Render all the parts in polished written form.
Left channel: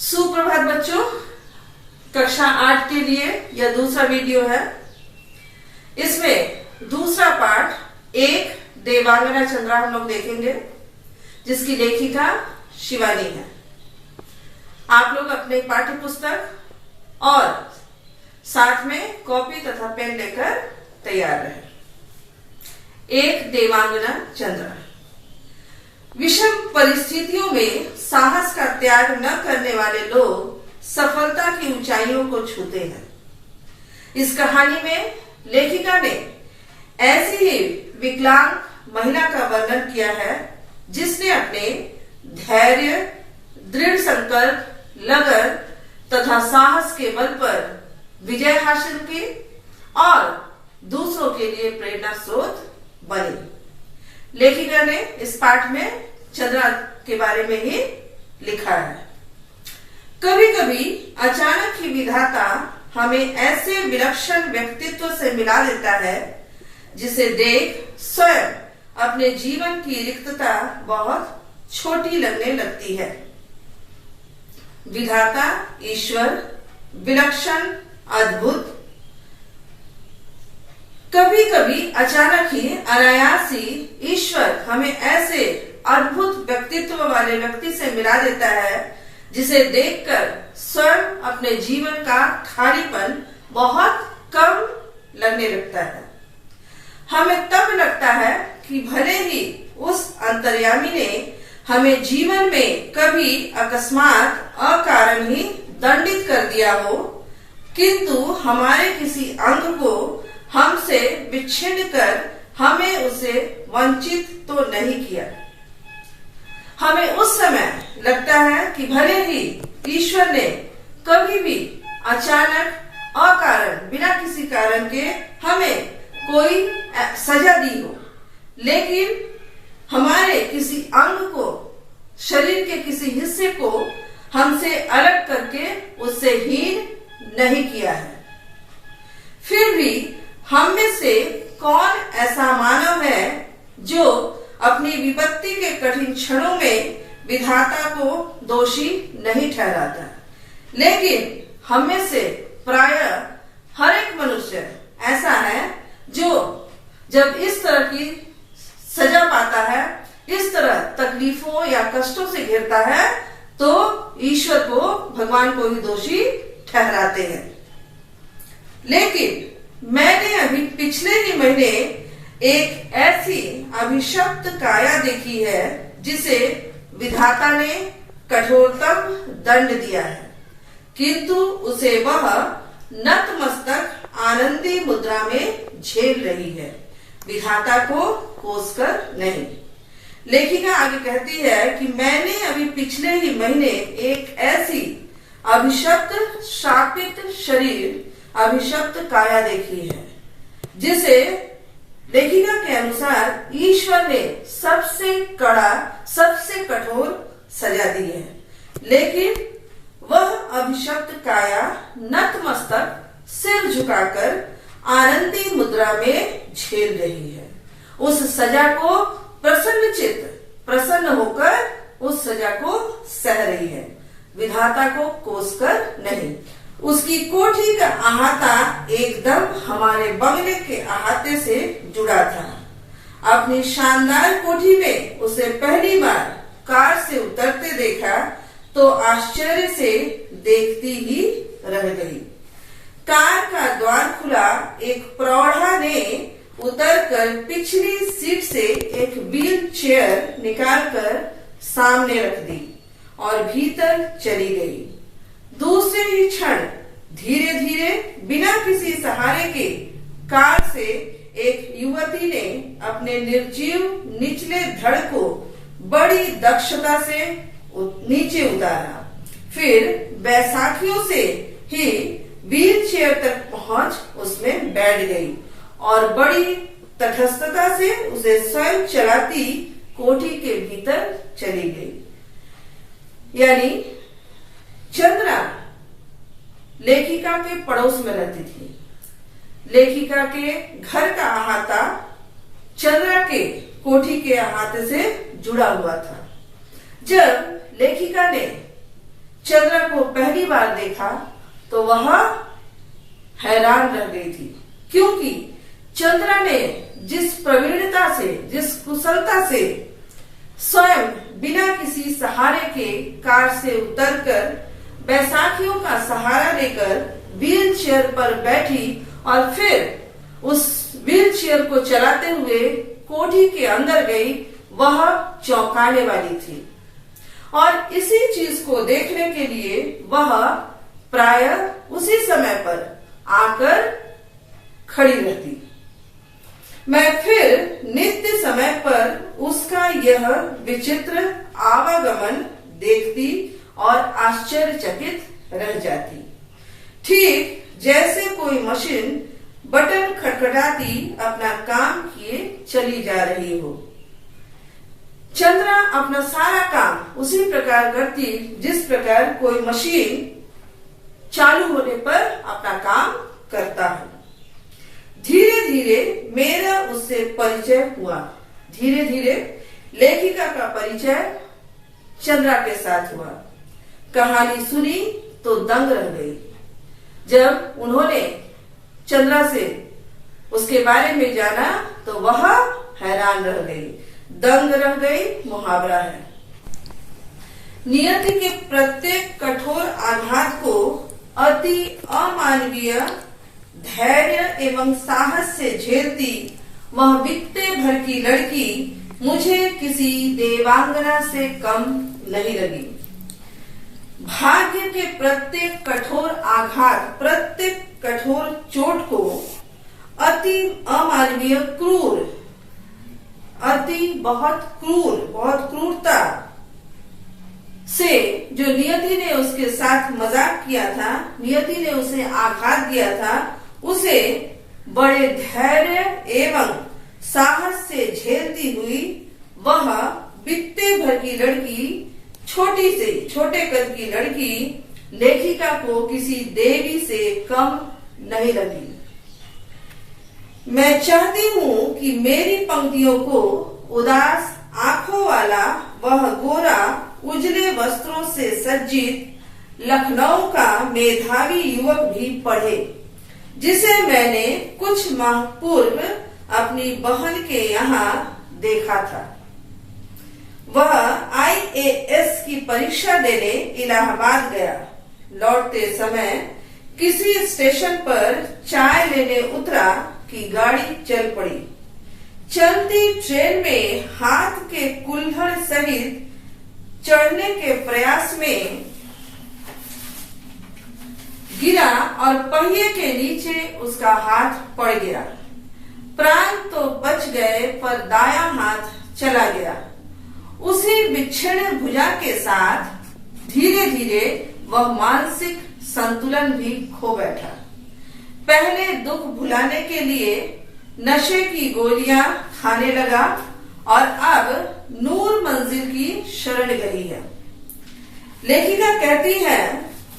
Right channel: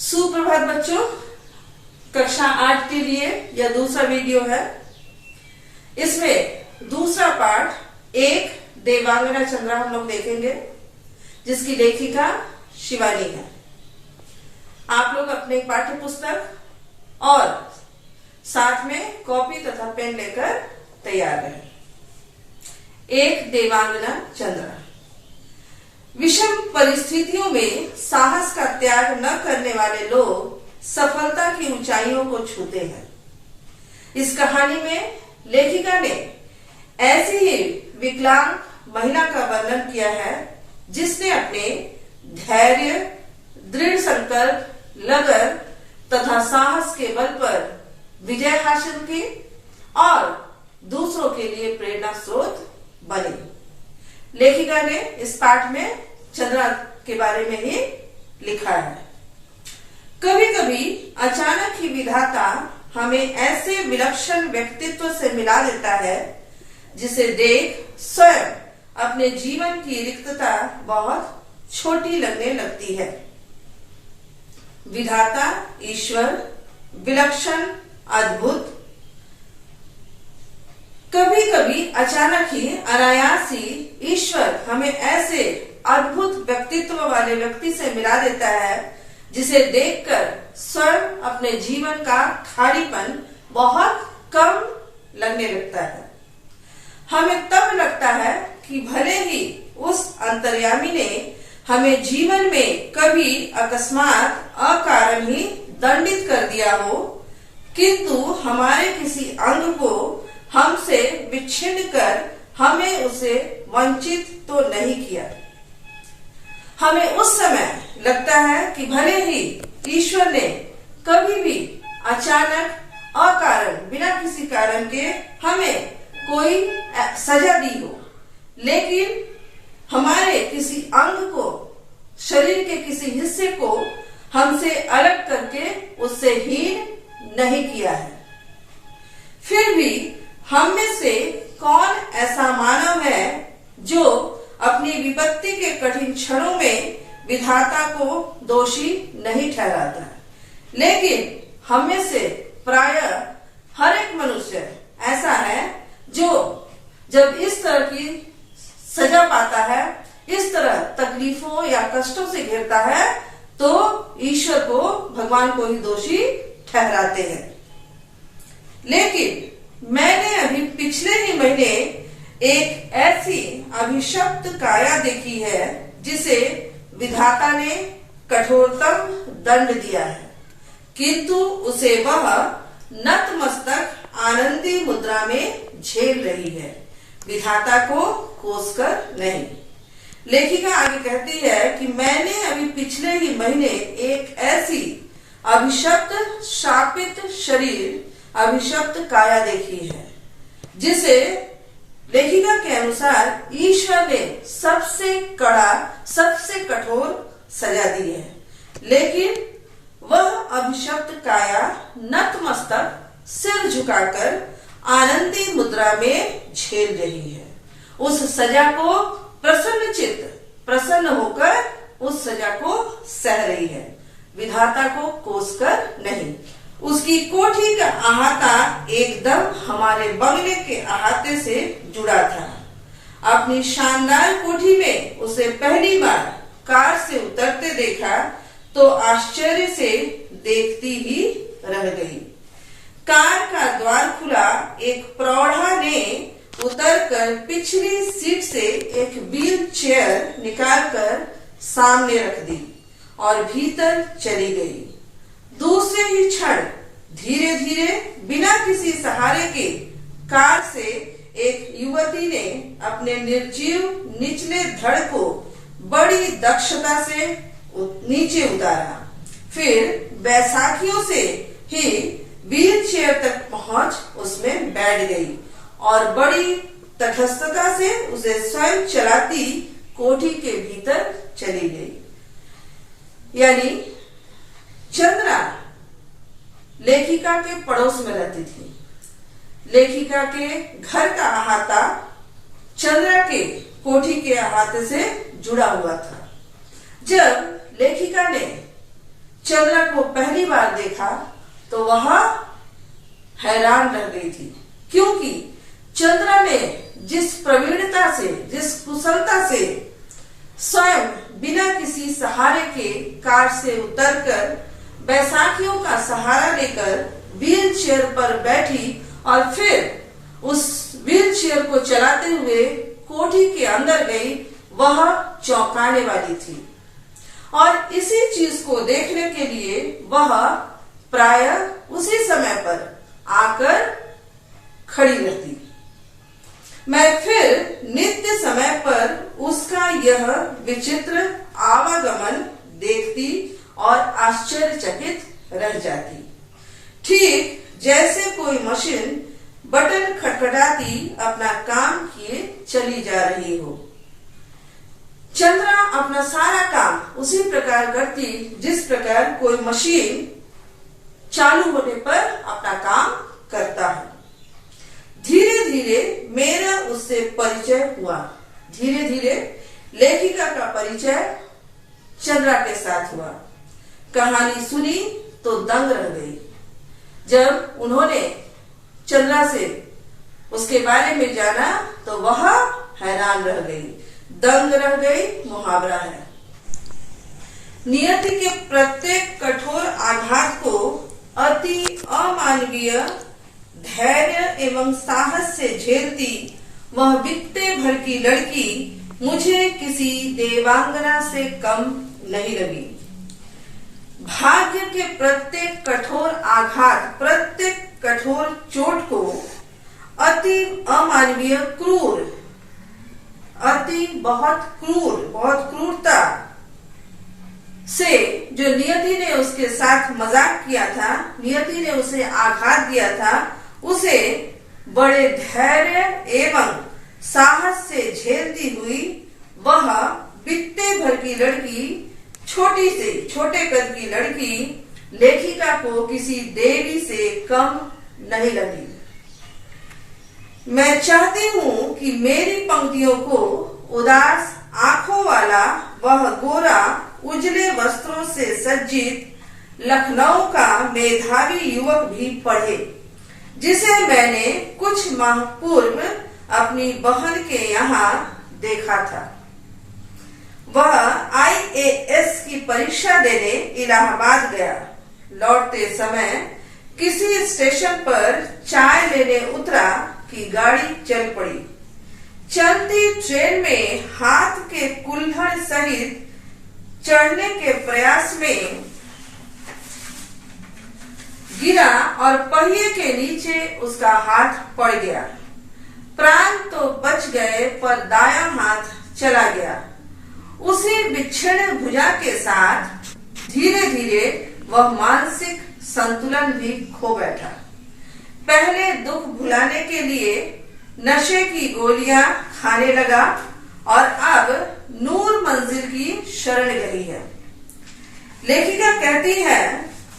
सुप्रभात बच्चों, कक्षा 8 के लिए यह दूसरा वीडियो है। इसमें दूसरा पाठ एक देवांगना चंद्रा हम लोग देखेंगे, जिसकी लेखिका शिवानी है। आप लोग अपने पाठ्य पुस्तक और साथ में कॉपी तथा पेन लेकर तैयार रहें। एक देवांगना चंद्रा। विषम परिस्थितियों में साहस का त्याग न करने वाले लोग सफलता की ऊंचाइयों को छूते हैं। इस कहानी में लेखिका ने ऐसी ही विकलांग महिला का वर्णन किया है, जिसने अपने धैर्य, दृढ़ संकल्प, लगन तथा साहस के बल पर विजय हासिल की और दूसरों के लिए प्रेरणा स्रोत बनी। लेखिका ने इस पाठ में चंद्रा के बारे में ही लिखा है। कभी कभी अचानक ही विधाता हमें ऐसे विलक्षण व्यक्तित्व से मिला देता है, जिसे देख स्वयं अपने जीवन की रिक्तता बहुत छोटी लगने लगती है। विधाता ईश्वर विलक्षण, अद्भुत, कभी कभी अचानक ही अनायास ही ईश्वर हमें ऐसे अद्भुत व्यक्तित्व वाले व्यक्ति से मिला देता है, जिसे देखकर स्वयं अपने जीवन का खालीपन बहुत कम लगने लगता है। हमें तब लगता है कि भले ही उस अंतर्यामी ने हमें जीवन में कभी अकस्मात अकारण ही दंडित कर दिया हो, किंतु हमारे किसी अंग को हमसे विच्छिन्न कर हमें उसे वंचित तो नहीं किया। हमें उस समय लगता है कि भले ही ईश्वर ने कभी भी अचानक अकारण बिना किसी कारण के हमें कोई सजा दी हो, लेकिन हमारे किसी अंग को, शरीर के किसी हिस्से को हमसे अलग करके उससे हीन नहीं किया है। फिर भी हम में से कौन ऐसा मानव है जो अपनी विपत्ति के कठिन क्षणों में विधाता को दोषी नहीं ठहराता। लेकिन हम में से प्रायः हर एक मनुष्य ऐसा है जो जब इस तरह की सजा पाता है, इस तरह तकलीफों या कष्टों से घिरता है, तो ईश्वर को, भगवान को ही दोषी ठहराते हैं। लेकिन मैंने अभी पिछले ही महीने एक ऐसी अभिशप्त काया देखी है, जिसे विधाता ने कठोरतम दंड दिया है, किंतु उसे वह नतमस्तक आनंदी मुद्रा में झेल रही है, विधाता को कोसकर नहीं। लेखिका आगे कहती है कि मैंने अभी पिछले ही महीने एक ऐसी अभिशप्त शापित शरीर, अभिशप्त काया देखी है, जिसे लेखिका के अनुसार ईश्वर ने सबसे कड़ा, सबसे कठोर सजा दी है। लेकिन वह अभिशप्त काया नतमस्तक सिर झुकाकर आनंदी मुद्रा में झेल रही है। उस सजा को प्रसन्न चित्त, प्रसन्न होकर उस सजा को सह रही है, विधाता को कोसकर नहीं। उसकी कोठी का अहाता एकदम हमारे बंगले के अहाते से जुड़ा था। अपनी शानदार कोठी में उसे पहली बार कार से उतरते देखा तो आश्चर्य से देखती ही रह गई। कार का द्वार खुला, एक प्रौढ़ा ने उतरकर पिछली सीट से एक व्हील चेयर निकालकर सामने रख दी और भीतर चली गई। दूसरे ही क्षण धीरे धीरे बिना किसी सहारे के कार से एक युवती ने अपने निर्जीव निचले धड़ को बड़ी दक्षता से नीचे उतारा। फिर बैसाखियों से ही व्हील चेयर तक पहुंच उसमें बैठ गई और बड़ी तटस्थता से उसे स्वयं चलाती कोठी के भीतर चली गई। यानी चंद्रा लेखिका के पड़ोस में रहती थी। लेखिका के घर का अहाता चंद्रा के कोठी के अहाते से जुड़ा हुआ था। जब लेखिका ने चंद्रा को पहली बार देखा तो वह हैरान रह गई थी, क्योंकि चंद्रा ने जिस प्रवीणता से, जिस कुशलता से स्वयं बिना किसी सहारे के कार से उतरकर बैसाखियों का सहारा लेकर व्हील चेयर पर बैठी और फिर उस व्हील चेयर को चलाते हुए कोठी के अंदर गई, वह चौंकाने वाली थी। और इसी चीज को देखने के लिए वह प्रायः उसी समय पर आकर खड़ी रहती। मैं फिर नित्य समय पर उसका यह विचित्र आवागमन देखती और आश्चर्यचकित रह जाती, ठीक जैसे कोई मशीन बटन खटखटाती अपना काम किए चली जा रही हो। चंद्रा अपना सारा काम उसी प्रकार करती जिस प्रकार कोई मशीन चालू होने पर अपना काम करता है। धीरे धीरे मेरा उससे परिचय हुआ। धीरे धीरे लेखिका का परिचय चंद्रा के साथ हुआ। कहानी सुनी तो दंग रह गई। जब उन्होंने चंद्रा से उसके बारे में जाना तो वह हैरान रह गई, दंग रह गई मुहावरा है। नियति के प्रत्येक कठोर आघात को अति अमानवीय धैर्य एवं साहस से झेलती वह बित्ते भर की लड़की मुझे किसी देवांगना से कम नहीं लगी। भाग्य के प्रत्येक कठोर आघात, प्रत्येक कठोर चोट को अति अमानवीय क्रूर, बहुत क्रूरता से जो नियति ने उसके साथ मजाक किया था, नियति ने उसे आघात दिया था, उसे बड़े धैर्य एवं साहस से झेलती हुई वह बित्ते भर की लड़की, छोटी से छोटे कद की लड़की लेखिका को किसी देवी से कम नहीं लगी। मैं चाहती हूँ कि मेरी पंक्तियों को उदास आंखों वाला वह गोरा उजले वस्त्रों से सज्जित लखनऊ का मेधावी युवक भी पढ़े, जिसे मैंने कुछ माह पूर्व अपनी बहन के यहाँ देखा था। वह IAS की परीक्षा देने इलाहाबाद गया। लौटते समय किसी स्टेशन पर चाय लेने उतरा कि गाड़ी चल पड़ी। चलती ट्रेन में हाथ के कुल्हड़ सहित चढ़ने के प्रयास में गिरा और पहिए के नीचे उसका हाथ पड़ गया। प्राण तो बच गए पर दायां हाथ चला गया। उसी विक्षिण भुजा के साथ धीरे धीरे वह मानसिक संतुलन भी खो बैठा। पहले दुख भुलाने के लिए नशे की गोलियां खाने लगा और अब नूर मंजिल की शरण गई है। लेखिका कहती है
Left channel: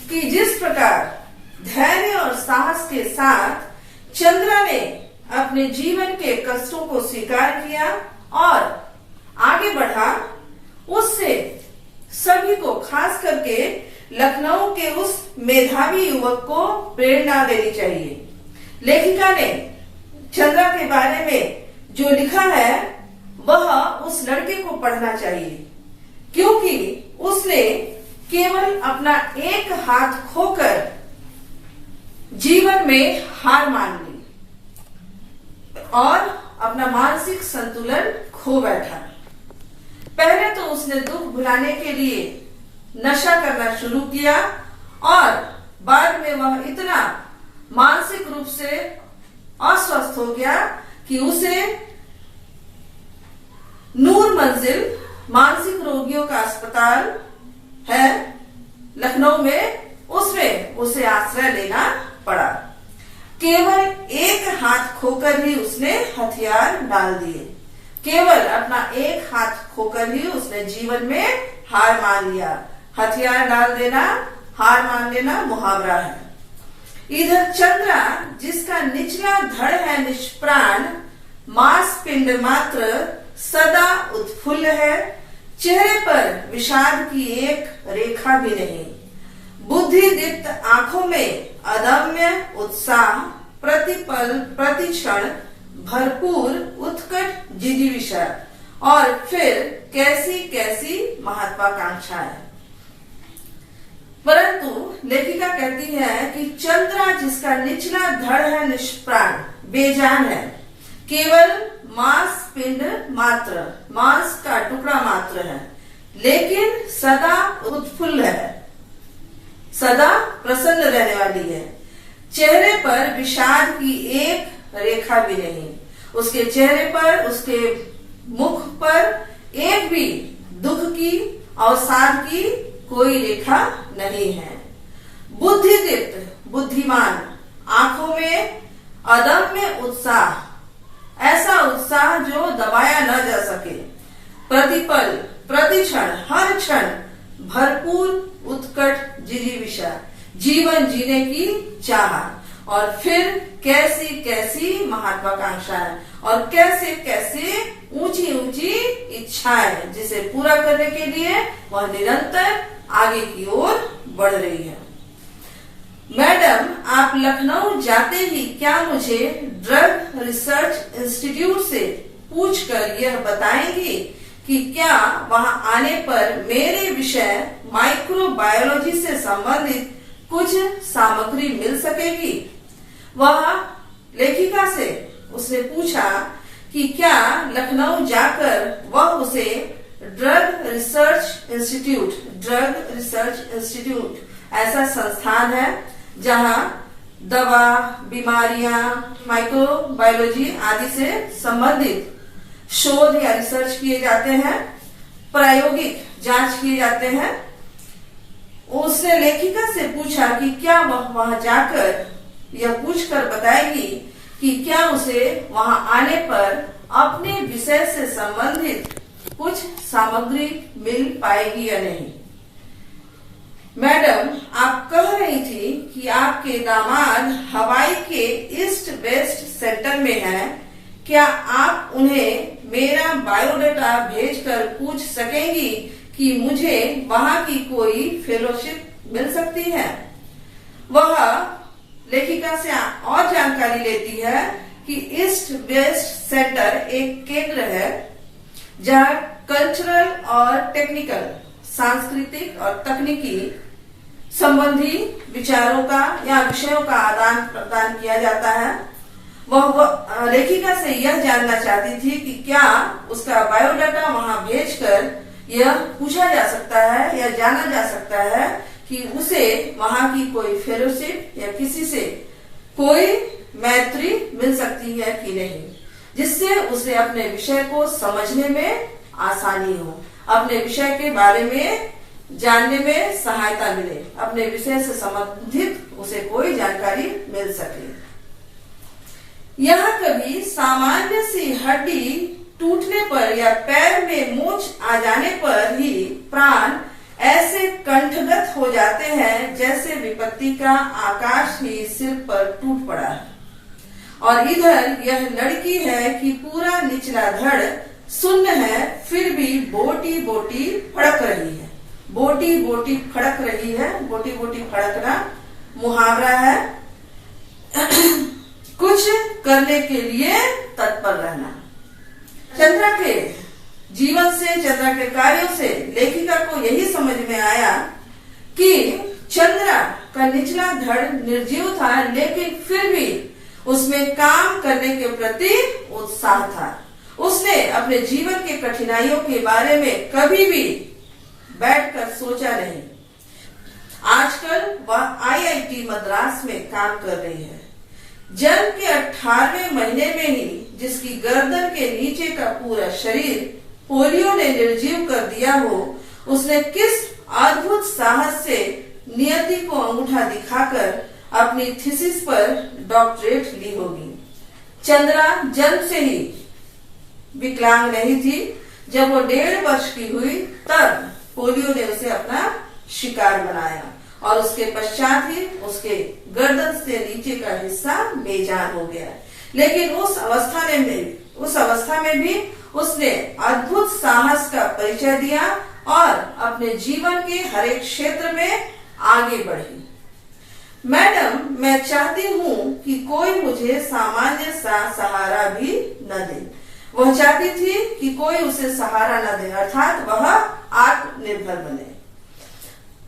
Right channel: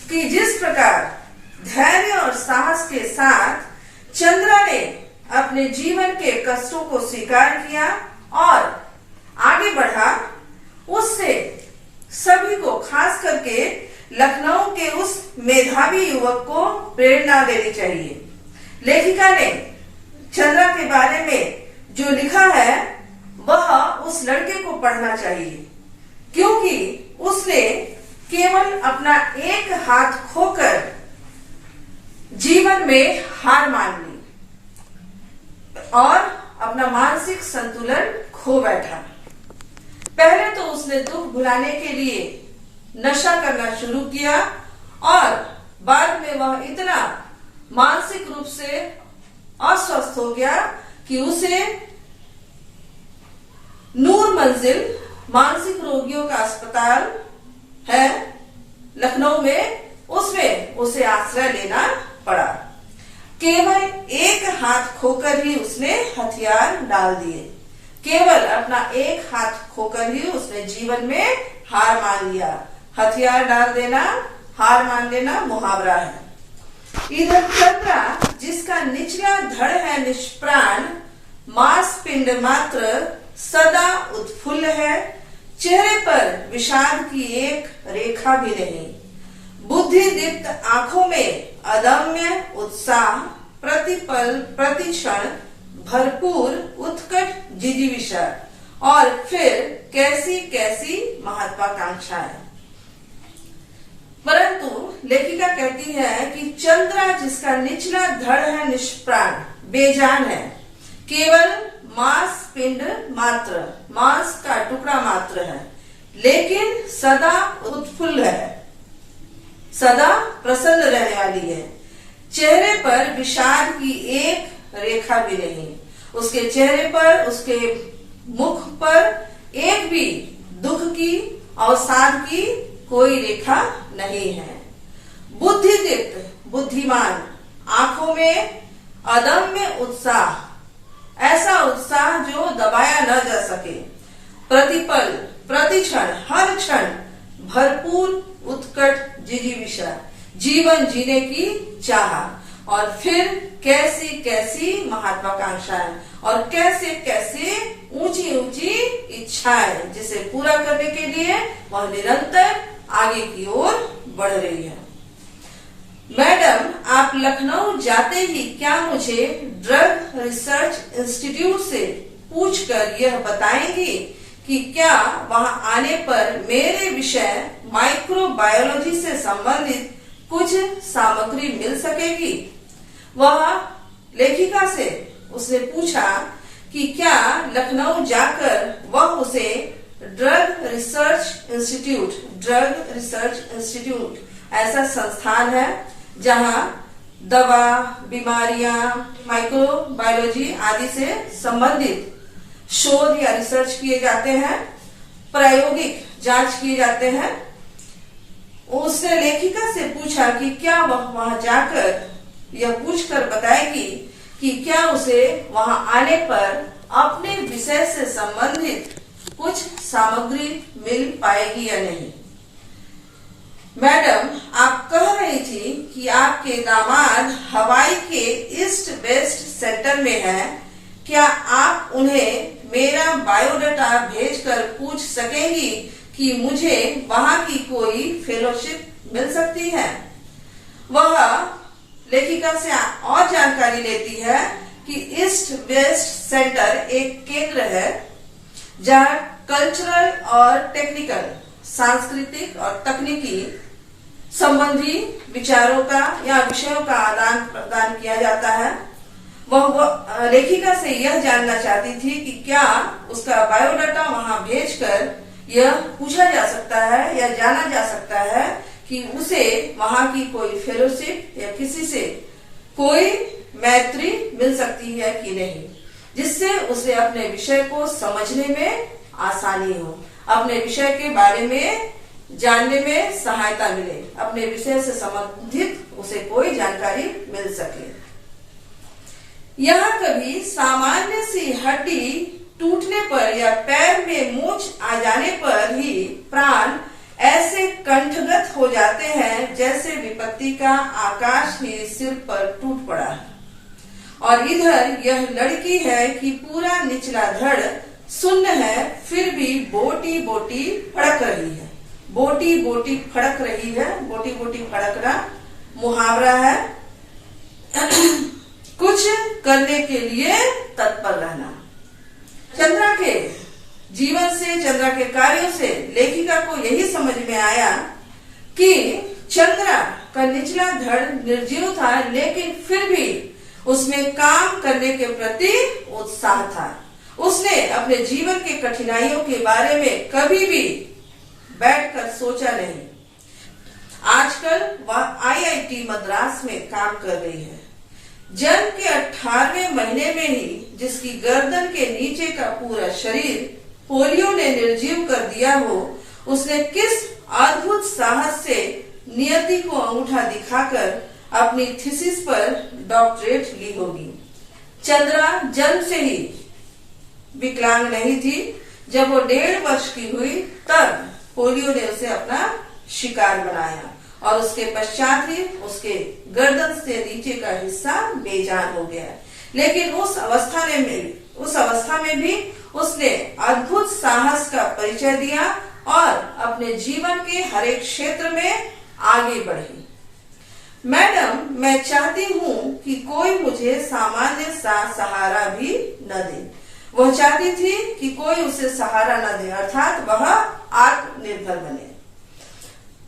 कि जिस प्रकार धैर्य और साहस के साथ चंद्रा ने अपने जीवन के कष्टों को स्वीकार किया और आगे बढ़ा, उससे सभी को, खास करके लखनऊ के उस मेधावी युवक को प्रेरणा लेनी चाहिए। लेखिका ने चंद्रा के बारे में जो लिखा है वह उस लड़के को पढ़ना चाहिए, क्योंकि उसने केवल अपना एक हाथ खोकर जीवन में हार मान ली और अपना मानसिक संतुलन खो बैठा। पहले तो उसने दुख भुलाने के लिए नशा करना शुरू किया और बाद में वह इतना मानसिक रूप से अस्वस्थ हो गया कि उसे नूर मंजिल मानसिक रोगियों का अस्पताल है लखनऊ में, उसमें उसे आश्रय लेना पड़ा। केवल एक हाथ खोकर ही उसने हथियार डाल दिए। केवल अपना एक हाथ खोकर ही उसने जीवन में हार मान लिया। हथियार डाल देना, हार मान लेना मुहावरा है। इधर चंद्रा, जिसका निचला धड़ है निष्प्राण, मांस पिंड मात्र सदा उत्फुल्ल है, चेहरे पर विषाद की एक रेखा भी नहीं। बुद्धि दीप्त आंखों में अदम्य उत्साह, प्रतिपल प्रतिक्षण भरपूर उत्कट जिजीविषा और फिर कैसी कैसी महत्वाकांक्षाएं। परंतु लेखिका कहती है कि चंद्रा जिसका निचला धड़ है निष्प्राण बेजान है, केवल मांस पिंड मात्र, मांस का टुकड़ा मात्र है, लेकिन सदा उत्फुल्ल है, सदा प्रसन्न रहने वाली है। चेहरे पर विषाद की एक रेखा भी नहीं, उसके चेहरे पर, उसके मुख पर एक भी दुख की, अवसाद की कोई रेखा नहीं है। बुद्धि दीप्त बुद्धिमान, आंखों में अदम्य उत्साह, ऐसा उत्साह जो दबाया न जा सके, प्रतिपल प्रतिक्षण हर क्षण भरपूर उत्कट जिजीविषा, जीवन जीने की चाह, और फिर कैसी कैसी महत्वाकांक्षाएं और कैसे कैसे ऊंची ऊंची इच्छाएं, जिसे पूरा करने के लिए वह निरंतर आगे की ओर बढ़ रही है। मैडम, आप लखनऊ जाते ही क्या मुझे ड्रग रिसर्च इंस्टीट्यूट से पूछकर यह बताएंगी कि क्या वहां आने पर मेरे विषय माइक्रोबायोलॉजी से संबंधित कुछ सामग्री मिल सकेगी? वह लेखिका से उसने पूछा कि क्या लखनऊ जाकर वह उसे ड्रग रिसर्च इंस्टीट्यूट ऐसा संस्थान है जहां दवा, बीमारियां, माइक्रोबायोलॉजी आदि से संबंधित शोध या रिसर्च किए जाते हैं, प्रायोगिक जांच किए जाते हैं। उसने लेखिका से पूछा कि क्या वह वहां जाकर यह पूछकर बताएगी कि क्या उसे वहां आने पर अपने विषय से संबंधित कुछ सामग्री मिल पाएगी या नहीं। मैडम, आप कह रही थी कि आपके दामाद हवाई के ईस्ट वेस्ट सेंटर में हैं। क्या आप उन्हें मेरा बायोडाटा भेजकर पूछ सकेंगी कि मुझे वहां की कोई फेलोशिप मिल सकती है? वह लेखिका से और जानकारी लेती है कि ईस्ट वेस्ट सेंटर एक केंद्र है जहां कल्चरल और टेक्निकल, सांस्कृतिक और तकनीकी संबंधी विचारों का या विषयों का आदान प्रदान किया जाता है। वह लेखिका से यह जानना चाहती थी कि क्या उसका बायोडाटा वहां भेजकर यह पूछा जा सकता है या जाना जा सकता है कि उसे वहां की कोई फेलोशिप या किसी से कोई मैत्री मिल सकती है कि नहीं, जिससे उसे अपने विषय को समझने में आसानी हो, अपने विषय के बारे में जानने में सहायता मिले, अपने विषय से संबंधित उसे कोई जानकारी मिल सके। यहाँ कभी सामान्य सी हड्डी टूटने पर या पैर में मूंछ आ जाने पर ही प्राण ऐसे कंठगत हो जाते हैं जैसे विपत्ति का आकाश ही सिर पर टूट पड़ा है। और इधर यह लड़की है कि पूरा निचला धड़ शून्य है, फिर भी बोटी बोटी फड़क रही है। बोटी बोटी फड़क रही है, बोटी बोटी फड़कना मुहावरा है। कुछ करने के लिए तत्पर रहना। चंद्रा के जीवन से, चंद्रा के कार्यों से लेखिका को यही समझ में आया कि चंद्रा का निचला धड़ निर्जीव था, लेकिन फिर भी उसमें काम करने के प्रति उत्साह था। उसने अपने जीवन के कठिनाइयों के बारे में कभी भी बैठकर सोचा नहीं। आजकल वह IIT मद्रास में काम कर रही है। जन्म के 18वें महीने में ही जिसकी गर्दन के नीचे का पूरा शरीर पोलियो ने निर्जीव कर दिया हो, उसने किस अद्भुत साहस से नियति को अंगूठा दिखाकर अपनी थीसिस पर डॉक्टरेट ली होगी। चंद्रा जन्म से ही विकलांग नहीं थी। जब वो 1.5 वर्ष की हुई तब पोलियो ने उसे अपना शिकार बनाया और उसके पश्चात ही उसके गर्दन से नीचे का हिस्सा बेजान हो गया। लेकिन उस अवस्था में भी उसने अद्भुत साहस का परिचय दिया और अपने जीवन के हर एक क्षेत्र में आगे बढ़ी। मैडम, मैं चाहती हूँ कि कोई मुझे सामान्य सा सहारा भी न दे। वह चाहती थी कि कोई उसे सहारा न दे, अर्थात वह आत्मनिर्भर बने।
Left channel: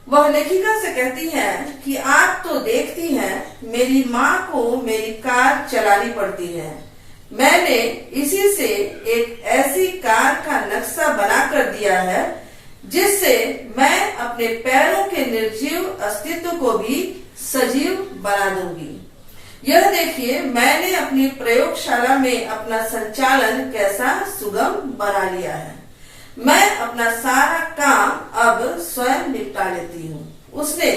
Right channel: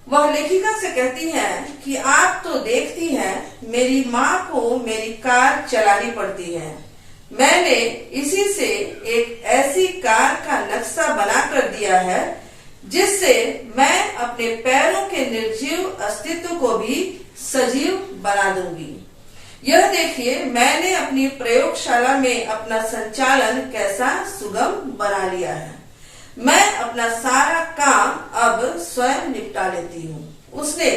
वह लेखिका से कहती है कि आप तो देखती हैं, मेरी माँ को मेरी कार चलानी पड़ती है। मैंने इसी से एक ऐसी कार का नक्शा बना कर दिया है जिससे मैं अपने पैरों के निर्जीव अस्तित्व को भी सजीव बना दूंगी। यह देखिए, मैंने अपनी प्रयोगशाला में अपना संचालन कैसा सुगम बना लिया है। मैं अपना सारा काम अब स्वयं निपटा लेती हूँ। उसने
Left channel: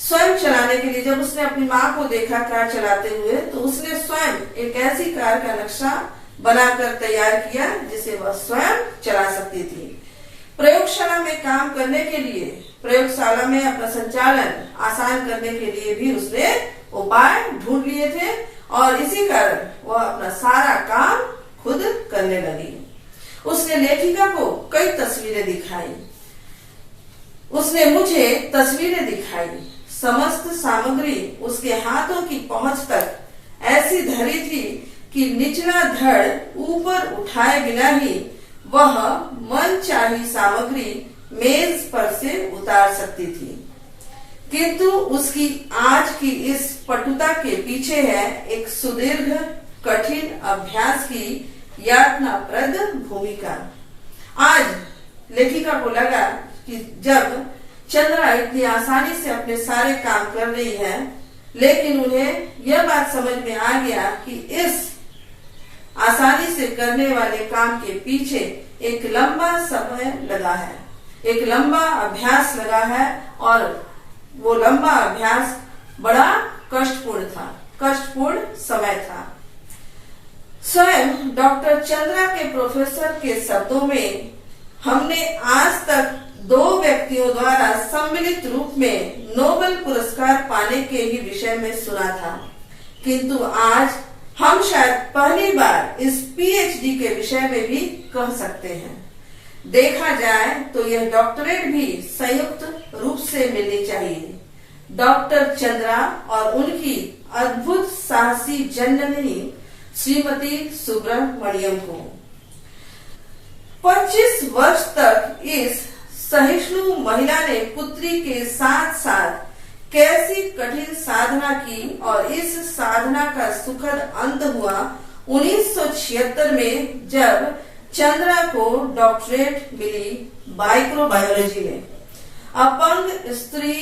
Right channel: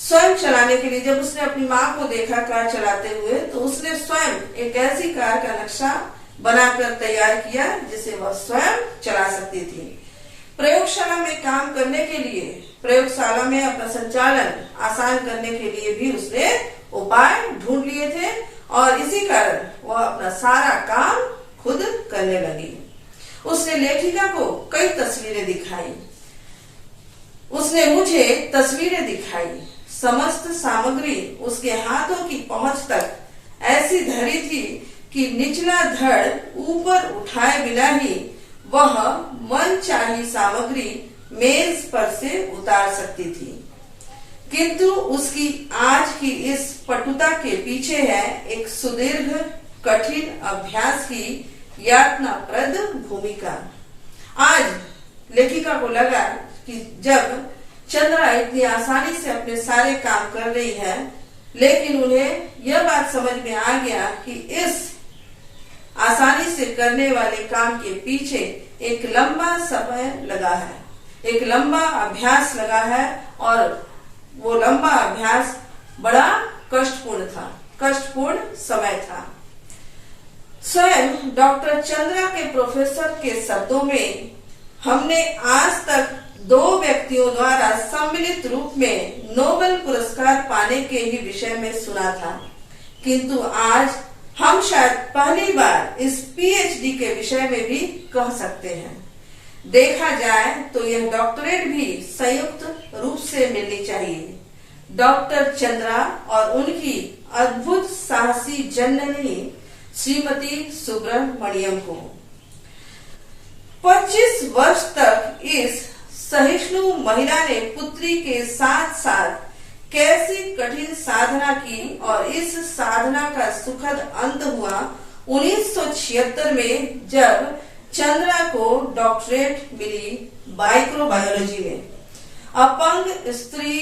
स्वयं चलाने के लिए, जब उसने अपनी माँ को देखा कार चलाते हुए, तो उसने स्वयं एक ऐसी कार का नक्शा बनाकर तैयार किया जिसे वह स्वयं चला सकती थी। प्रयोगशाला में काम करने के लिए, प्रयोगशाला में अपना संचालन आसान करने के लिए भी उसने उपाय ढूंढ लिए थे और इसी कारण वह अपना सारा काम खुद करने लगी। उसने लेखिका को कई तस्वीरें दिखाई। उसने मुझे तस्वीरें दिखाई। समस्त सामग्री उसके हाथों की पहुंच तक ऐसी धरी थी कि निचला धड़ ऊपर उठाए बिना ही वह मनचाही सामग्री मेज पर से उतार सकती थी। किंतु उसकी आज की इस पटुता के पीछे है एक सुदीर्घ कठिन अभ्यास की यातनाप्रद भूमिका। आज लेखिका को लगा कि जब चंद्रा इतनी आसानी से अपने सारे काम कर रही है, लेकिन उन्हें यह बात समझ में आ गया कि इस आसानी से करने वाले काम के पीछे एक लंबा समय लगा है, एक लंबा अभ्यास लगा है और वो लंबा अभ्यास बड़ा कष्टपूर्ण था, कष्टपूर्ण समय था। स्वयं डॉक्टर चंद्रा के प्रोफेसर के शब्दों में, हमने आज तक 2 व्यक्तियों द्वारा सम्मिलित रूप में नोबेल पुरस्कार पाने के ही विषय में सुना था, किंतु आज हम शायद पहली बार इस पीएचडी के विषय में भी कह सकते हैं। देखा जाए तो यह डॉक्टरेट भी संयुक्त रूप से मिलनी चाहिए, डॉक्टर चंद्रा और उनकी अद्भुत साहसी जननी श्रीमती सुब्रमण्यम को। 25 वर्ष तक इस सहिष्णु महिला ने पुत्री के साथ साथ कैसी कठिन साधना की और इस साधना का सुखद अंत हुआ 1976 में, जब चंद्रा को डॉक्टरेट मिली माइक्रोबायोलॉजी में। अपंग स्त्री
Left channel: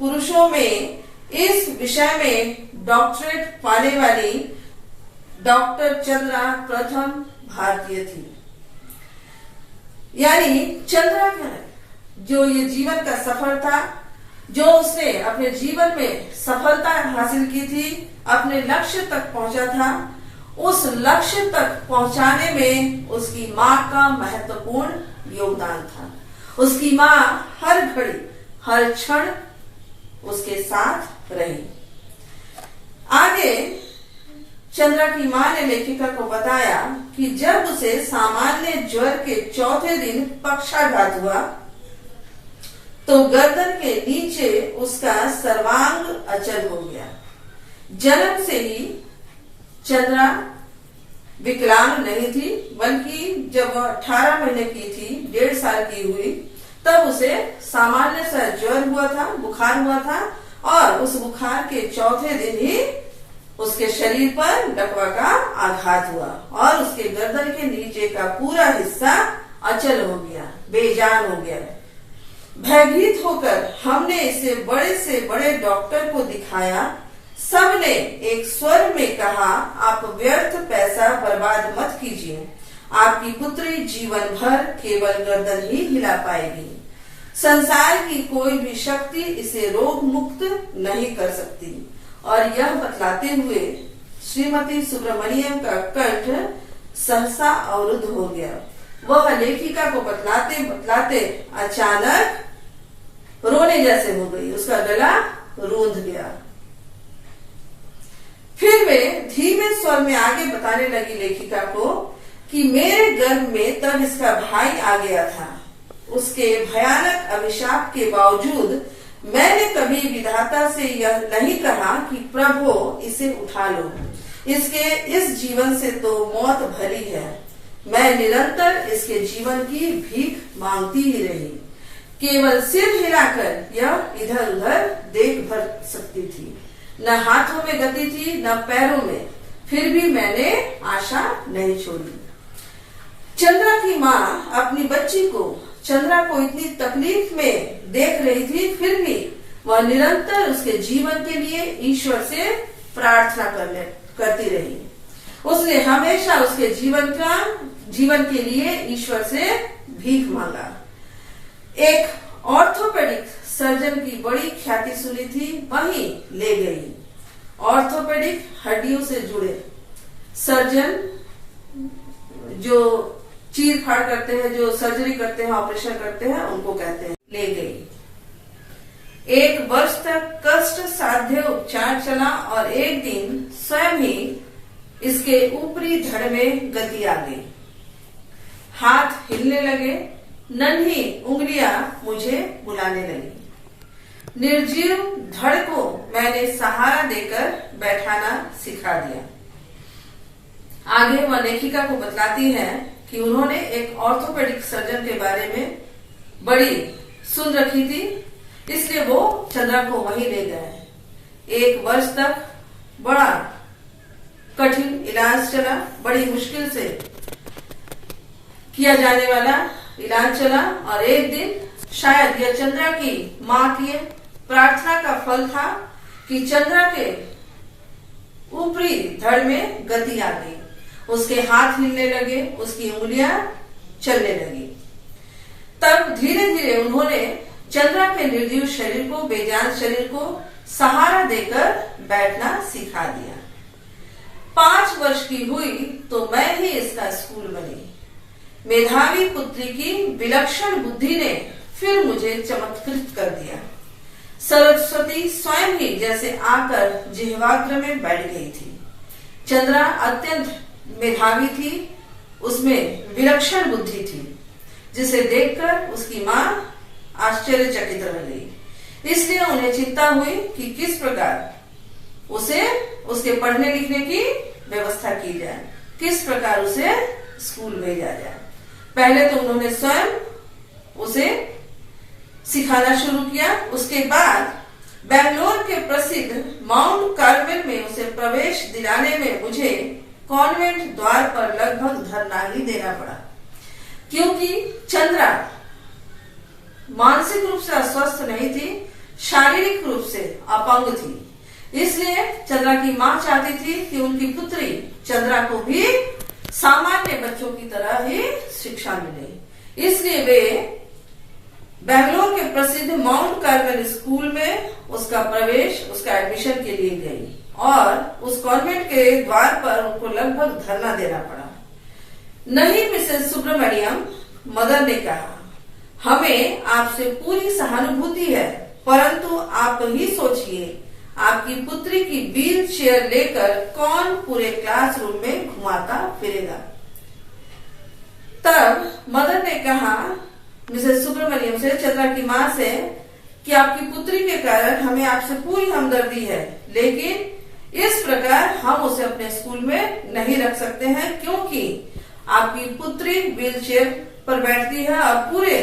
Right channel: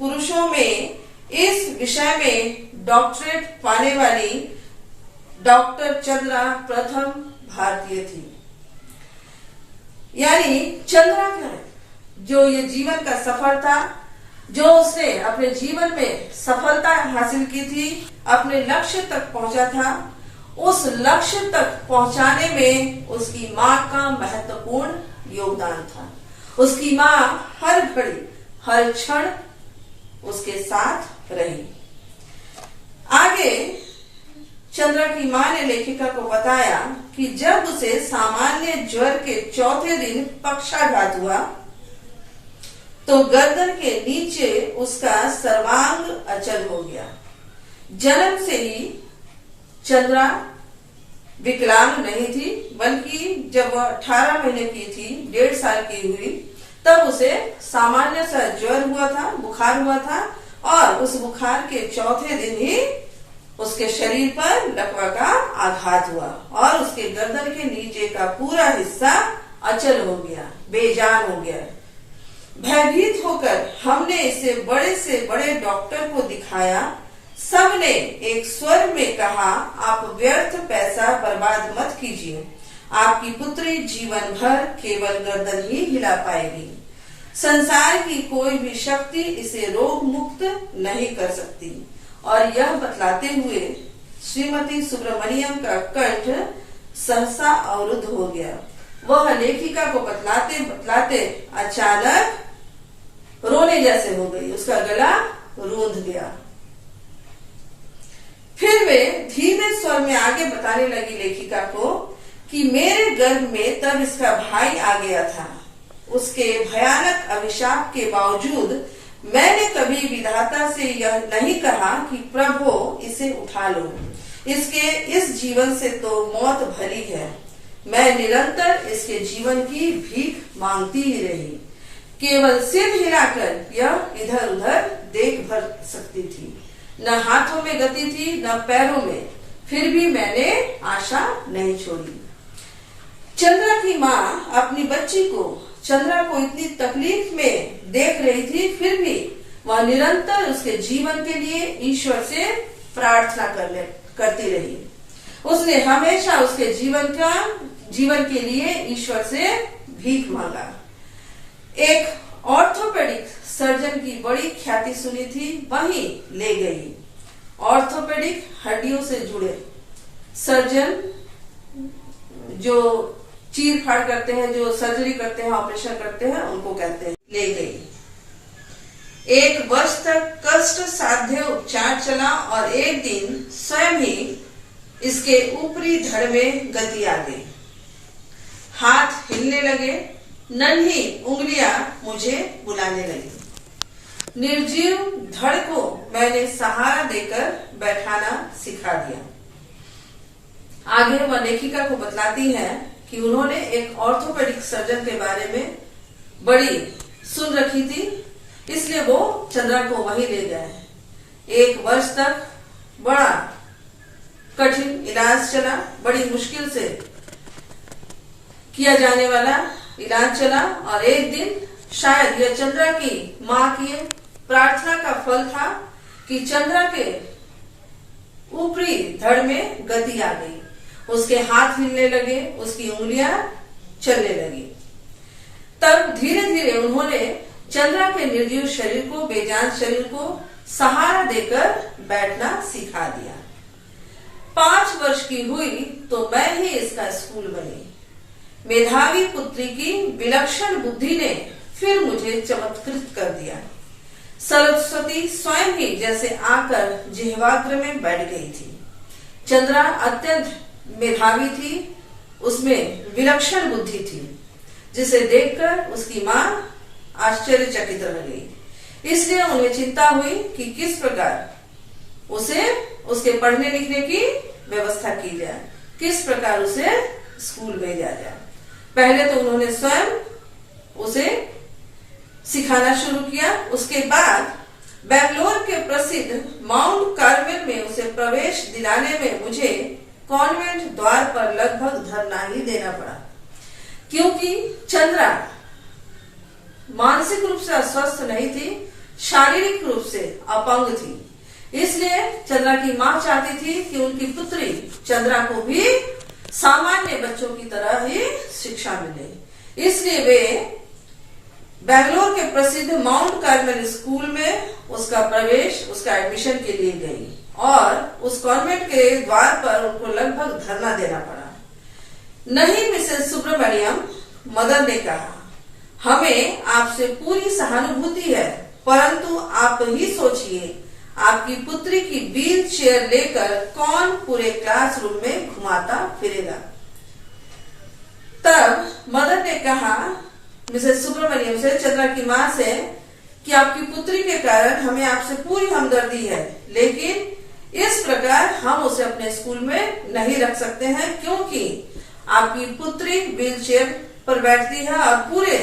पुरुषों में इस विषय में डॉक्टरेट पाने वाली डॉक्टर चंद्रा प्रथम भारतीय थी। यानी चंद्रा क्या है, जो ये जीवन का सफर था, जो उसने अपने जीवन में सफलता हासिल की थी, अपने लक्ष्य तक पहुंचा था, उस लक्ष्य तक पहुंचाने में उसकी माँ का महत्वपूर्ण योगदान था। उसकी माँ हर घड़ी हर क्षण उसके साथ रही। आगे चंद्रा की माँ ने लेखिका को बताया कि जब उसे सामान्य ज्वर के चौथे दिन पक्षाघात हुआ तो गर्दन के नीचे उसका सर्वांग अचल हो गया। जन्म से ही चंद्रा विकलांग नहीं थी, बल्कि जब वह 18 महीने की थी, 1.5 साल की हुई, तब उसे सामान्य सा ज्वर हुआ था, बुखार हुआ था और उस बुखार के चौथे दिन ही उसके शरीर पर लकवा का आघात हुआ और उसके गर्दन के नीचे का पूरा हिस्सा अचल हो गया, बेजान हो गया। भयभीत होकर हमने इसे बड़े से बड़े डॉक्टर को दिखाया। सबने एक स्वर में कहा, आप व्यर्थ पैसा बर्बाद मत कीजिए, आपकी पुत्री जीवन भर केवल गर्दन ही हिला पाएगी। संसार की कोई भी शक्ति इसे रोग मुक्त नहीं कर सकती। और यह बतलाते हुए श्रीमती सुब्रमण्यम का कंठ सहसा अवरुद्ध हो गया। वह लेखिका को बतलाते बतलाते अचानक रोने जैसे हो गई, उसका गला रूंध गया। फिर वे धीमे स्वर में आगे बताने लगी लेखिका को कि मेरे गर्भ में तब इसका भाई आ गया था। उसके भयानक अभिशाप के बावजूद मैंने कभी विधाता से यह नहीं कहा कि प्रभु इसे उठा लो, इसके इस जीवन से तो मौत भरी है। मैं निरंतर इसके जीवन की भीख मांगती ही रही। केवल सिर हिलाकर यह इधर उधर देख भर सकती थी। न हाथों में गति थी न पैरों में, फिर भी मैंने आशा नहीं छोड़ी। चंद्रा की माँ अपनी बच्ची को, चंद्रा को इतनी तकलीफ में देख रही थी, फिर भी वह निरंतर उसके जीवन के लिए ईश्वर से प्रार्थना करती रही। उसने हमेशा उसके जीवन के लिए ईश्वर से भीख मांगा। एक ऑर्थोपेडिक सर्जन की बड़ी ख्याति सुनी थी, वहीं ले गई। ऑर्थोपेडिक हड्डियों से जुड़े सर्जन जो चीर फाड़ करते हैं, जो सर्जरी करते हैं, ऑपरेशन करते हैं, उनको कहते हैं। ले गई। 1 वर्ष तक कष्ट साध्य उपचार चला और एक दिन स्वयं ही इसके ऊपरी धड़ में गति आ गई। हाथ हिलने लगे, नन्ही उंगलियां मुझे बुलाने लगी। निर्जीव धड़ को मैंने सहारा देकर बैठाना सिखा दिया। आगे वह लेखिका को बतलाती है कि उन्होंने एक ऑर्थोपेडिक सर्जन के बारे में बड़ी सुन रखी थी, इसलिए वो चंद्रा को वहीं ले गए। 1 वर्ष तक बड़ा कठिन इलाज चला, बड़ी मुश्किल से किया जाने वाला इलाज चला और एक दिन शायद यह चंद्रा की माँ की प्रार्थना का फल था कि चंद्रा के ऊपरी धड़ में गति आ गई। उसके हाथ हिलने लगे, उसकी उंगलियां चलने लगी। तब धीरे धीरे उन्होंने चंद्रा के निर्जीव शरीर को, बेजान शरीर को सहारा देकर बैठना सिखा दिया। 5 वर्ष की हुई तो मैं ही इसका स्कूल बनी। मेधावी पुत्री की विलक्षण बुद्धि ने फिर मुझे चमत्कृत कर दिया। सरस्वती स्वयं ही जैसे आकर जिह्वाग्र में बैठ गई थी। चंद्रा अत्यंत मेधावी थी, उसमें विलक्षण बुद्धि थी, जिसे देखकर उसकी माँ आश्चर्यचकित रह गई। इसलिए उन्हें चिंता हुई कि किस प्रकार उसे उसके पढ़ने लिखने की व्यवस्था की जाए, किस प्रकार उसे स्कूल भेजा जाए। पहले तो उन्होंने स्वयं उसे सिखाना शुरू किया। उसके बाद बेंगलोर के प्रसिद्ध माउंट कार्मेल में उसे प्रवेश दिलाने में मुझे कॉन्वेंट द्वार पर लगभग धरना ही देना पड़ा, क्योंकि चंद्रा मानसिक रूप से अस्वस्थ नहीं थी, शारीरिक रूप से अपंग थी। इसलिए चंद्रा की माँ चाहती थी कि उनकी पुत्री चंद्रा को भी सामान्य बच्चों की तरह ही शिक्षा मिले। इसलिए वे बेंगलोर के प्रसिद्ध माउंट कार्मेल स्कूल में उसका प्रवेश, उसका एडमिशन के लिए गई और उस कॉन्वेंट के द्वार पर उनको लगभग धरना देना पड़ा। नहीं मिसेस सुब्रमण्यम, मदर ने कहा, हमें आपसे पूरी सहानुभूति है, परंतु आप ही सोचिए, आपकी पुत्री की व्हील चेयर लेकर कौन पूरे क्लासरूम में घुमाता फिरेगा। तब मदर ने कहा मिसेस सुब्रमण्यम से, चंद्रा की माँ से, कि आपकी पुत्री के कारण हमें आपसे पूरी हमदर्दी है, लेकिन इस प्रकार हम उसे अपने स्कूल में नहीं रख सकते हैं, क्योंकि आपकी पुत्री व्हील चेयर पर बैठती है और पूरे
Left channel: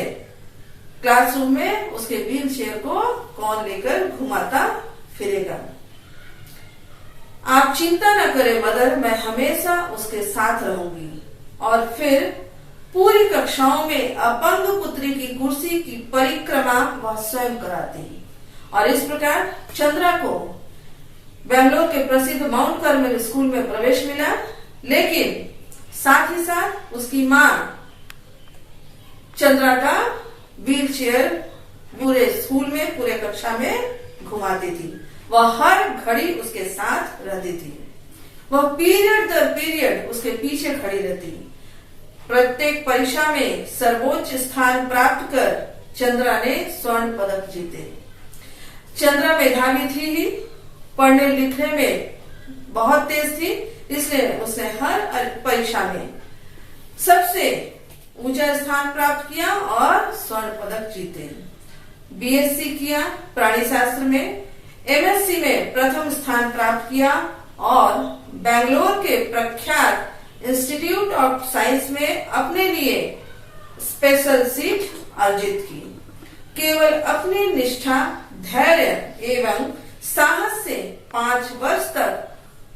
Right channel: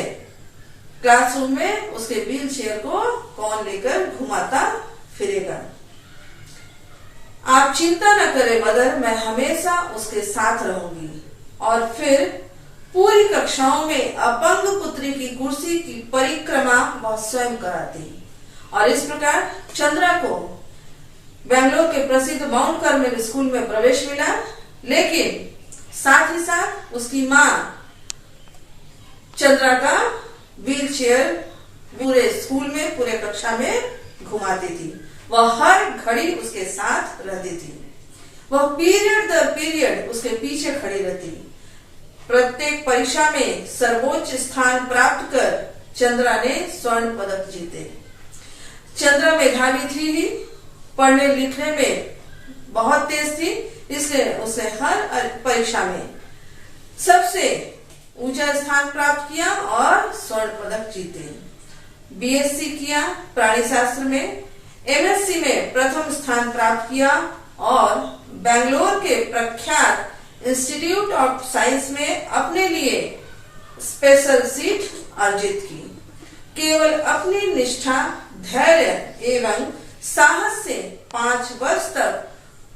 क्लासरूम में उसके व्हील चेयर को कौन लेकर घुमाता फिरेगा। आप चिंता न करें मदर, मैं हमेशा उसके साथ रहूंगी। और फिर पूरी कक्षाओं में अपंग पुत्री की कुर्सी की परिक्रमा वह स्वयं कराती। और इस प्रकार चंद्रा को बेंगलोर के प्रसिद्ध माउंट कार्मेल स्कूल में प्रवेश मिला, लेकिन साथ ही साथ उसकी माँ चंद्रा का व्हील चेयर पूरे स्कूल में, पूरे कक्षा में घुमाती थी। वह हर घड़ी उसके साथ रहती थी। वह पीरियड दर पीरियड उसके पीछे खड़ी रहती। प्रत्येक परीक्षा में सर्वोच्च स्थान प्राप्त कर चंद्रा ने स्वर्ण पदक जीते। चंद्रा मेधावी थी ही, पढ़ने लिखने में बहुत तेज थी, इसलिए उसने हर परीक्षा में सबसे ऊंचा स्थान प्राप्त किया और स्वर्ण पदक जीते। बीएससी किया प्राणी शास्त्र में, एमएससी में प्रथम स्थान प्राप्त किया और बेंगलोर के प्रख्यात इंस्टीट्यूट ऑफ साइंस में अपने लिए स्पेशल सीट अर्जित की। केवल अपनी निष्ठा, धैर्य एवं साहस से 5 वर्ष तक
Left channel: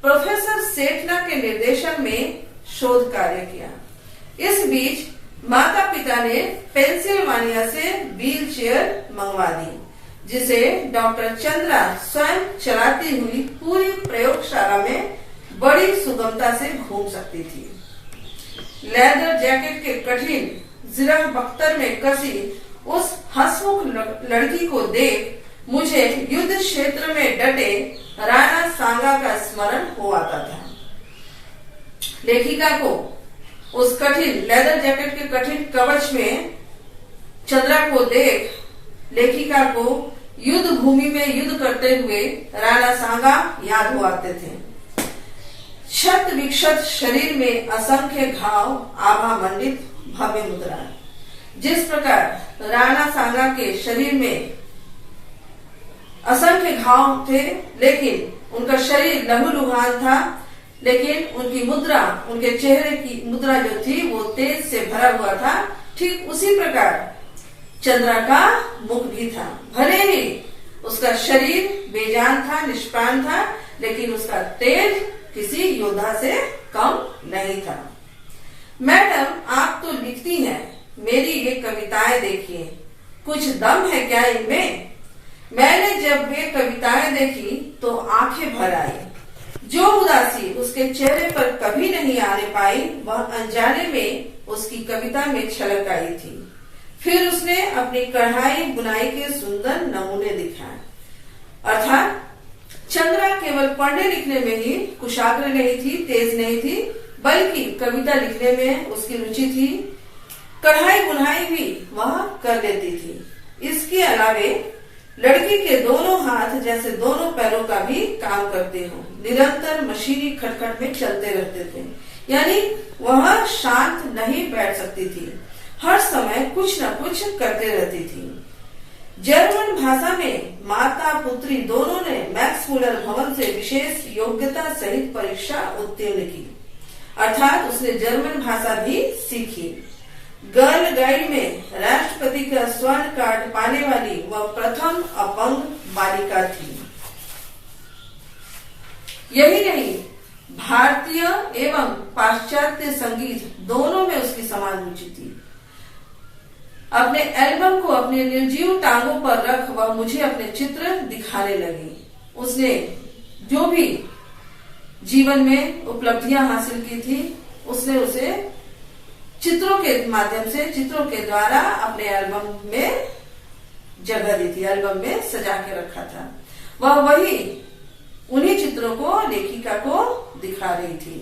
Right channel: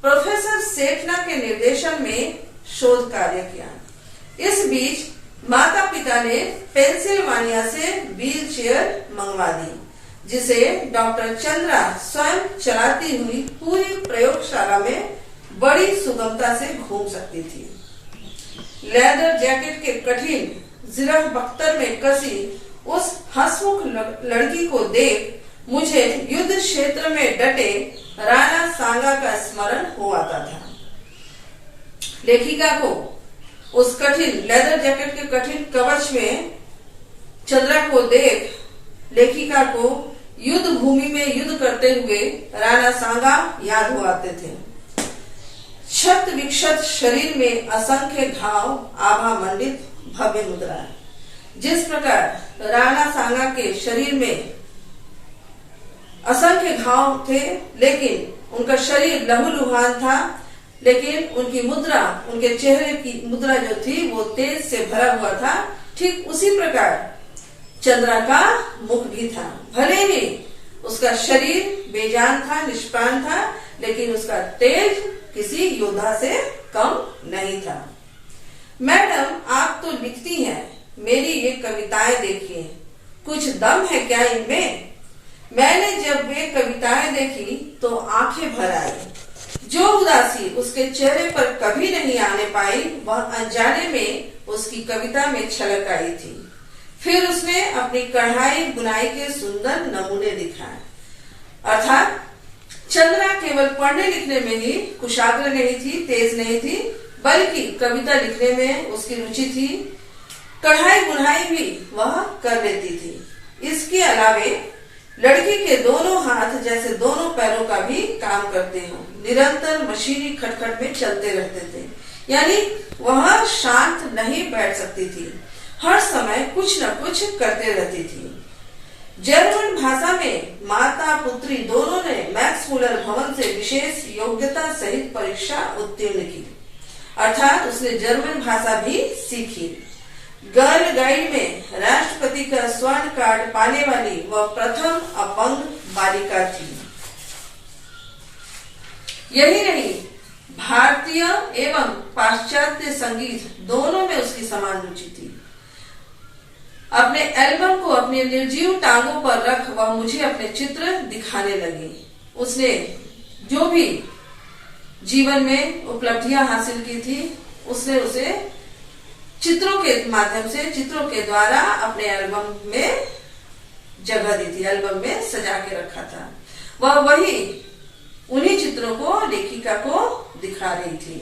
प्रोफेसर सेठना के निर्देशन में शोध कार्य किया। इस बीच माता पिता ने पेंसिल्वानिया से व्हील चेयर मंगवा दी, जिसे डॉक्टर चंद्रा स्वयं चलाती हुई पूरी प्रयोगशाला में बड़ी सुगमता से घूम सकती थी। लेदर जैकेट के कठिन जिरह बख्तर में कसी उस हंसमुख लड़की को देख मुझे युद्ध क्षेत्र में डटे राणा सांगा का स्मरण हो आता था। लेखिका को उस कठिन लेदर जैकेट के कठिन कवच में चंद्रा को देख लेखिका को युद्ध भूमि में युद्ध करते हुए राणा सांगा याद हो आते थे। क्षत विक्षत शरीर में असंख्य घाव, आभा मंडित भव्य मुद्रा। जिस प्रकार राणा सांगा के शरीर में असंख्य घाव थे, लेकिन उनका शरीर लहूलुहान था, लेकिन उनकी मुद्रा, उनके चेहरे की मुद्रा जो थी वो तेज से भरा हुआ था। ठीक उसी प्रकार चंद्रा का मुख भी था। भले ही उसका शरीर बेजान था, निष्प्राण था, लेकिन उसका तेज किसी योद्धा से कम नहीं था। मैडम, आप तो लिखती हैं, मेरी ये कविताएं देखिए, कुछ दम है क्या इनमें? मैंने जब ये कविताएं देखी तो आंखें भर आई। जो उदासी उसके चेहरे पर कभी नहीं आने पाई, वह अनजाने में उसकी कविता में छलक आई थी। फिर उसने अपनी कढ़ाई बुनाई के सुंदर नमूने दिखाए। अर्थात चंद्रा केवल पढ़ने लिखने में ही कुशाग्र नहीं थी, तेज नहीं थी, बल्कि कविता लिखने में उसकी रुचि थी। कढ़ाई बुनाई भी वह कर लेती थी। इसके अलावे लड़की के दोनों हाथ जैसे दोनों पैरों का भी काम करते हो, निरंतर मशीनी खटखट में चलते रहते थे। यानी वह शांत नहीं बैठ सकती थी, हर समय कुछ न कुछ करते रहती थी। जर्मन भाषा में माता पुत्री दोनों ने मैक्स मुलर भवन से विशेष योग्यता सहित परीक्षा उत्तीर्ण की, अर्थात उसने जर्मन भाषा भी सीखी। गर्ल गाइड में राष्ट्रपति का स्वर्ण कार्ड पाने वाली वह प्रथम अपंग बालिका थी। यही नहीं, भारतीय एवं पाश्चात्य संगीत दोनों में उसकी समान रुचि थी। अपने एल्बम को अपने निर्जीव टांगों पर रख वह मुझे अपने चित्र दिखाने लगी। उसने जो भी जीवन में उपलब्धियां हासिल की थी, उसने उसे चित्रों के माध्यम से, चित्रों के द्वारा अपने एल्बम में जगह दी थी, एल्बम में सजा के रखा था। वह वही उन्हीं चित्रों को लेखिका को दिखा रही थी।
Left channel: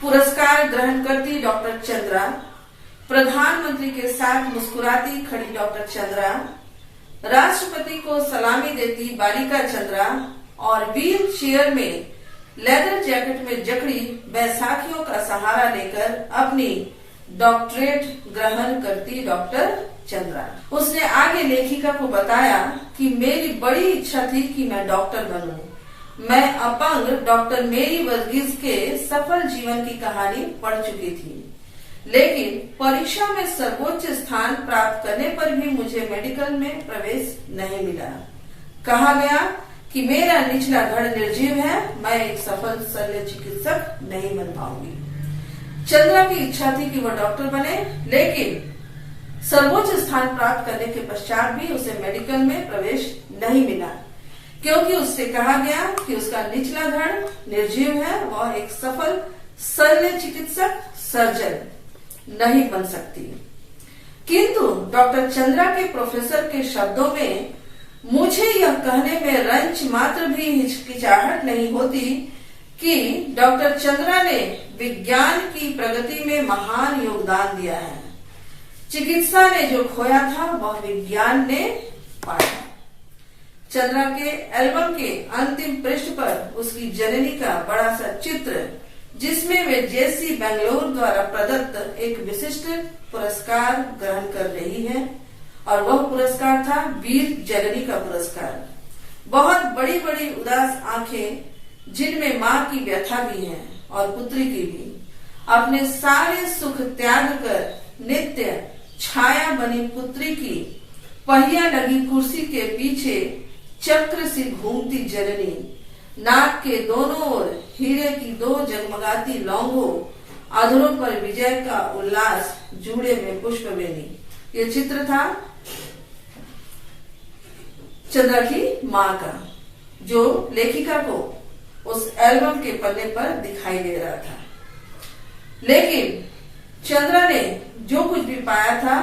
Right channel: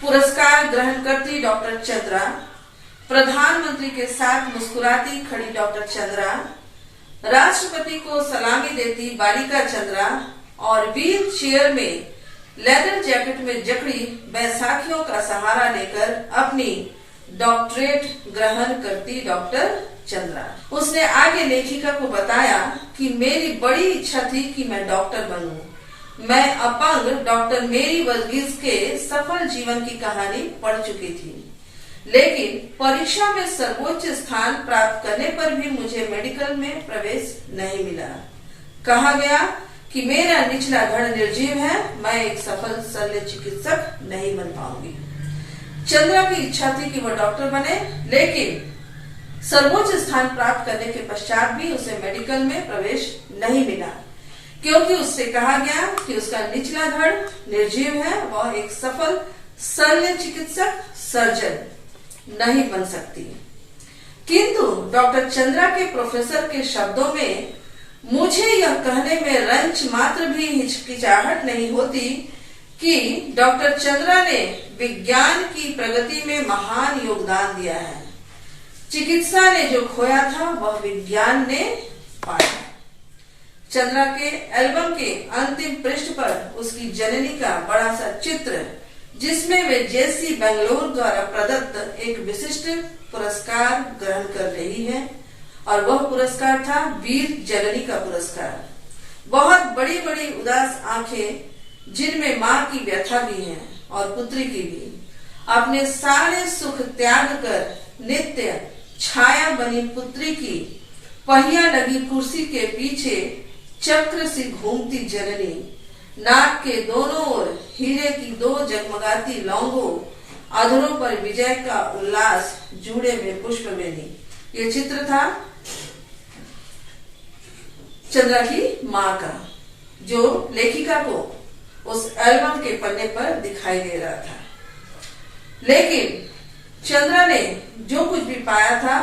पुरस्कार ग्रहण करती डॉक्टर चंद्रा, प्रधानमंत्री के साथ मुस्कुराती खड़ी डॉक्टर चंद्रा, राष्ट्रपति को सलामी देती बालिका चंद्रा और व्हील चेयर में लेदर जैकेट में जकड़ी बैसाखियों का सहारा लेकर अपनी डॉक्टरेट ग्रहण करती डॉक्टर चंद्रा। उसने आगे लेखिका को बताया कि मेरी बड़ी इच्छा थी कि मैं डॉक्टर बनूं। मैं अपंग डॉक्टर मेरी वर्गीज के सफल जीवन की कहानी पढ़ चुकी थी, लेकिन परीक्षा में सर्वोच्च स्थान प्राप्त करने पर भी मुझे मेडिकल में प्रवेश नहीं मिला। कहा गया कि मेरा निचला धड़ निर्जीव है, मैं एक सफल शल्य चिकित्सक नहीं बन पाऊंगी। चंद्रा की इच्छा थी कि वह डॉक्टर बने, लेकिन सर्वोच्च स्थान प्राप्त करने के पश्चात भी उसे मेडिकल में प्रवेश नहीं मिला, क्योंकि उससे कहा गया कि उसका निचला धड़ निर्जीव है, वह एक सफल शल्य चिकित्सक सर्जन नहीं बन सकती। किंतु डॉक्टर चंद्रा के प्रोफेसर के शब्दों में मुझे यह कहने में रंच मात्र भी हिचकिचाहट नहीं होती कि डॉक्टर चंद्रा ने विज्ञान की प्रगति में महान योगदान दिया है। चिकित्सा ने जो खोया था वह विज्ञान ने पाया। चंद्रा के एल्बम के अंतिम पृष्ठ पर उसकी जननी का बड़ा सा चित्र, जिसमें वे जेसी बेंगलोर द्वारा प्रदत्त एक विशिष्ट पुरस्कार ग्रहण कर रही है, और वह पुरस्कार था वीर जननी का पुरस्कार। बहुत बड़ी बड़ी उदास आंखें जिनमें माँ की व्यथा भी है और पुत्री की भी, अपने सारे सुख त्याग कर नित्य छाया बनी पुत्री की पहिया लगी कुर्सी के पीछे चक्र सी घूमती जननी, नाक के दोनों ओर हीरे की 2 जगमगाती लौंगों, अधरों पर विजय का उल्लास, जूड़े में पुष्पवेणी। ये चित्र था चंद्रा की माँ का, जो लेखिका को उस एल्बम के पन्ने पर दिखाई दे रहा था। लेकिन चंद्रा ने जो कुछ भी पाया था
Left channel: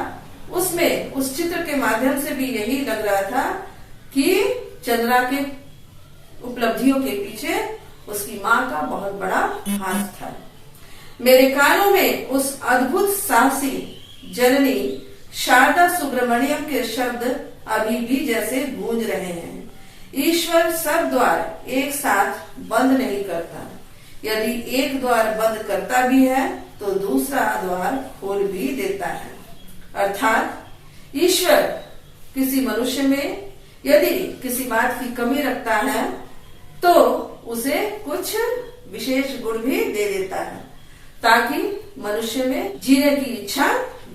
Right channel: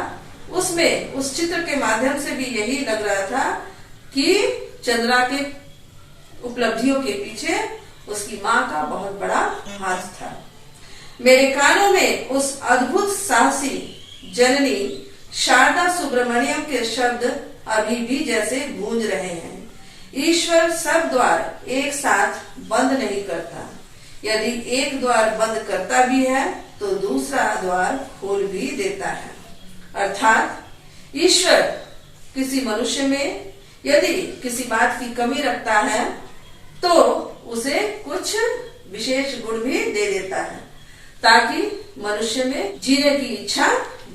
उसमें उस चित्र के माध्यम से भी यही लग रहा था कि चंद्रा के उपलब्धियों के पीछे उसकी माँ का बहुत बड़ा हाथ था। मेरे कानों में उस अद्भुत साहसी जननी शारदा सुब्रमण्यम के शब्द अभी भी जैसे गूंज रहे हैं। ईश्वर सब द्वार एक साथ बंद नहीं करता, यदि एक द्वार बंद करता भी है तो दूसरा द्वार खोल भी देता है। अर्थात ईश्वर किसी मनुष्य में यदि किसी बात की कमी रखता है तो उसे कुछ विशेष गुण भी दे देता है, ताकि मनुष्य में जीने की इच्छा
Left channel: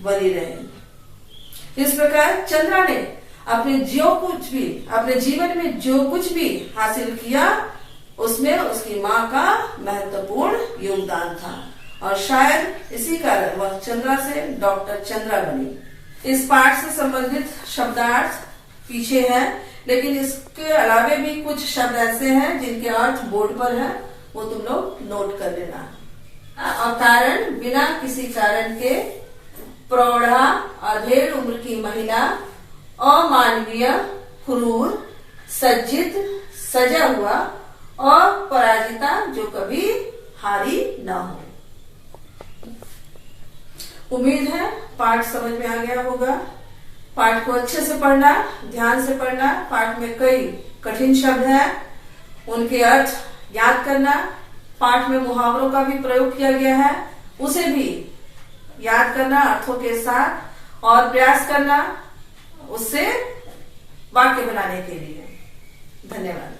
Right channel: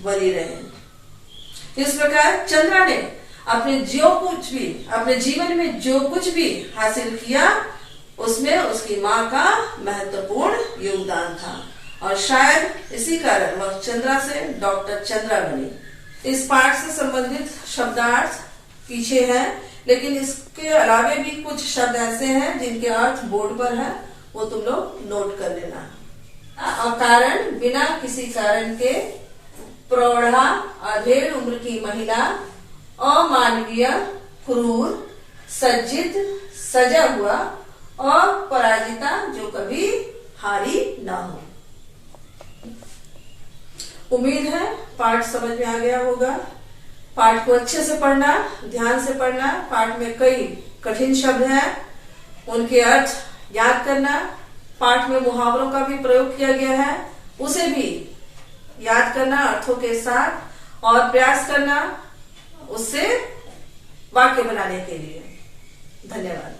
बनी रहे। इस प्रकार चंद्रा ने अपने जीवन में जो कुछ भी हासिल किया उसमें उसकी माँ का महत्वपूर्ण योगदान था, और शायद इसी कारण वह चंद्रा से डॉक्टर चंद्रा बनी। इस पाठ से संबंधित शब्दार्थ पीछे है, लेकिन इसके अलावे भी कुछ शब्द ऐसे हैं जिनके अर्थ बोर्ड पर है, वो तुम लोग नोट कर लेना। अकारण, बिना किसी कारण के, प्रौढ़ा, अधेड़ उम्र की महिला, अमानवीय, क्रूर, सज्जित, सजा हुआ, और पराजिता जो कभी हारी न हो। उम्मीद है पाठ समझ में आ गया होगा। पाठ को अच्छे से पढ़ना, ध्यान से पढ़ना। पाठ में कई कठिन शब्द हैं, उनके अर्थ याद करना। पाठ में मुहावरों का भी प्रयोग किया गया है, उसे भी याद करना अर्थों के साथ, और प्रयास करना उससे वाक्य बनाने के लिए। धन्यवाद।